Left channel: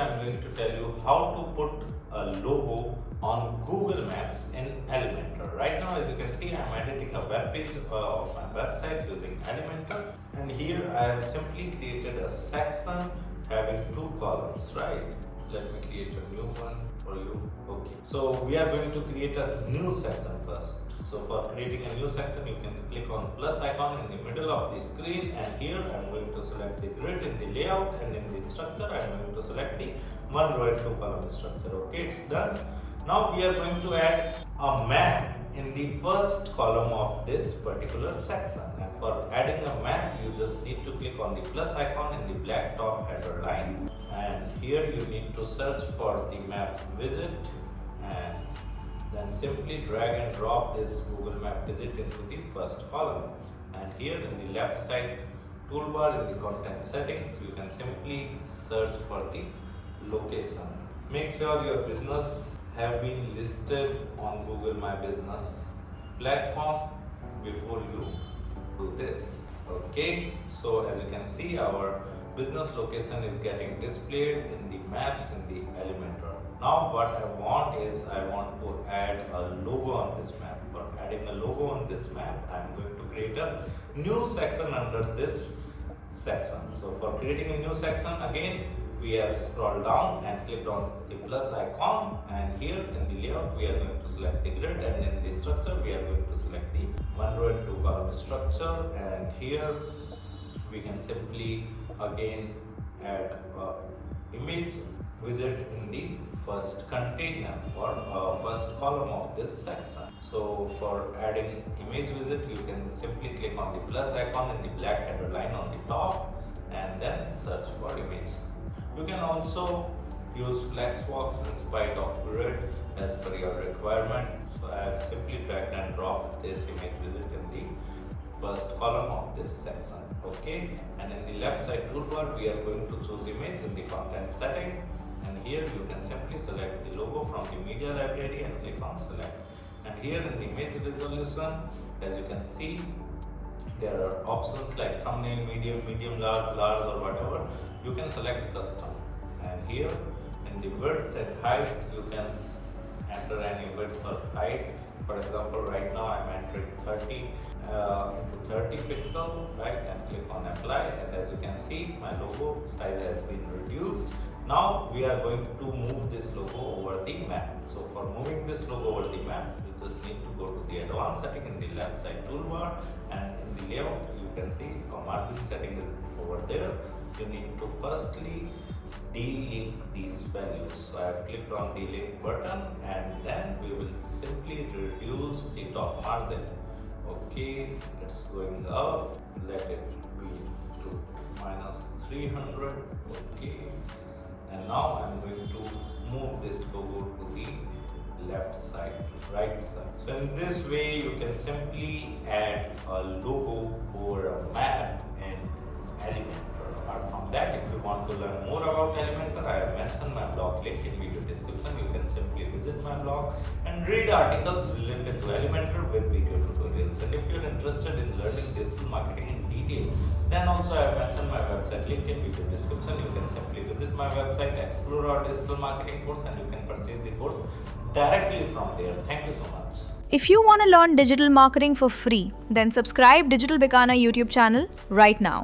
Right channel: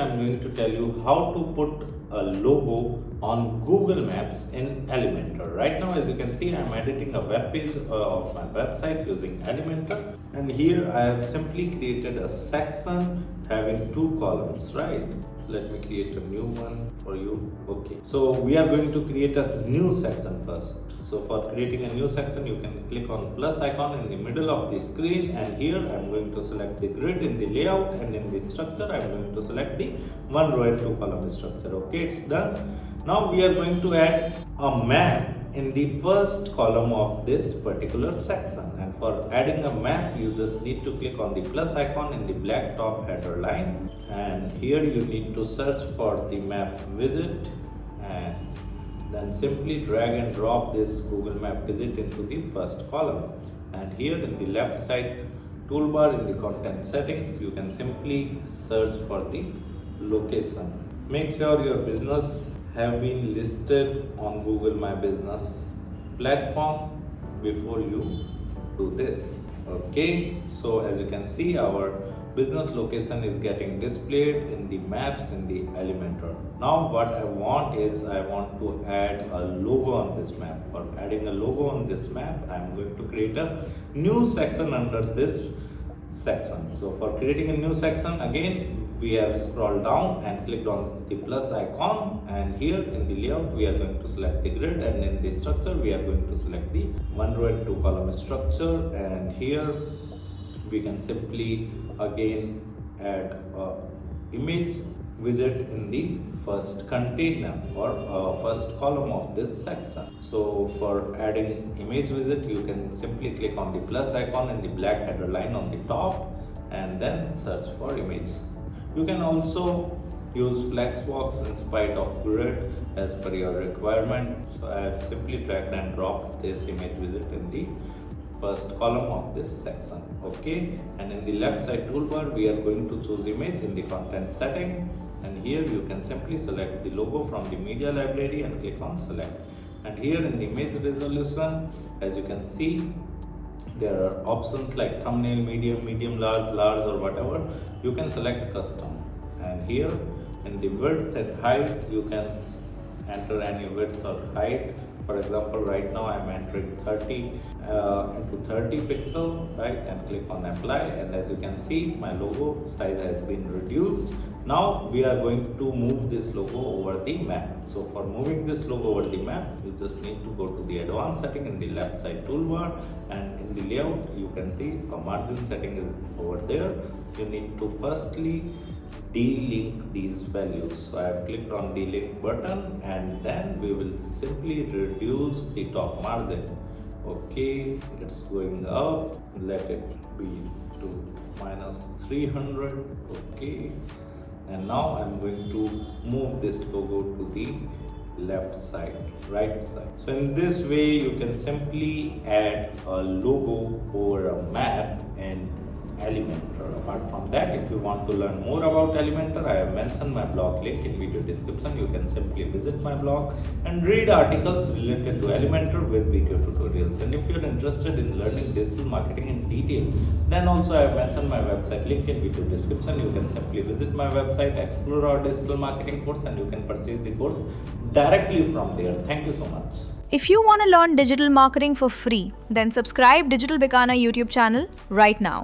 I'm going to tell you how to put a logo on Google Maps in Elementor. Right now, as you can see, I'm editing a web page of my website using Elementor, and here I have simply created a section having two columns, right? Let me create a new one for you. Okay, so we are going to create a new section first. So for creating a new section, you can click on plus icon in the middle of the screen, and here I'm going to select the grid in the layout, and in the structure I'm going to select the one row and two column structure. Okay, it's done. Now we are going to add a map in the first column of this particular section, and for adding a map you just need to click on the plus icon in the black top header line, and here you need to search for the map widget, and then simply drag and drop this Google Map widget into the first column. And here in the left side toolbar in the content settings, you can simply search for the location. Make sure your business have been listed on Google My Business platform before you do this. Okay, so as you can see, our business location is getting displayed in the maps in the Elementor. Now what I want is I want to add a logo on this map. For adding a logo on this map, I am going to create a new section under this section. So for creating a new section, again we have scrolled down and clicked on the plus icon, and here in the layout we are going to select the grid, and in the structure we are going to select the one row and two column structure, and here we can simply again add a image widget in the first container or first column of this section. So for adding image widget, you can simply click on the plus icon in the black header line on the top, and then search for image. You can also use flexbox in spite of grid as per your requirement. So I have simply dragged and dropped this image widget in the first column of this section. Okay, and in the left side toolbar we are going to choose image in the content setting, and here you can simply select the logo from the media library and click on select. And here in the image resolution, as you can see, there are options like thumbnail, medium, large, or whatever. You can select custom, and here in the width and height you can enter any width or height. For example, right now I'm entering 30 into 30 pixel, right, and click on apply, and as you can see, my logo size has been reduced. Now we are going to move this logo over the map. So for moving this logo over the map, you just need to go to the advanced setting in the left side toolbar, and in the layout you can see a margin setting is over there. You need to firstly delink these values. So I have clicked on delink button, and then we will simply reduce the top margin. Okay, it's going up. Let it be to -300. Okay, and now I'm going to move this logo to the left side, right side. So in this way you can simply add a logo over a map in Elementor. Apart from that, if you want to learn more about Elementor, I have mentioned my blog link in video description. You can simply visit my blog and read articles related to Elementor with video tutorials. And if you're interested in learning digital marketing in detail, then also I have mentioned my website link in video description. You can simply visit my website, explore our digital marketing course, and you can purchase the course directly from there. Thank you so much. If you want to learn digital marketing for free, then subscribe Digital Bikana YouTube channel right now.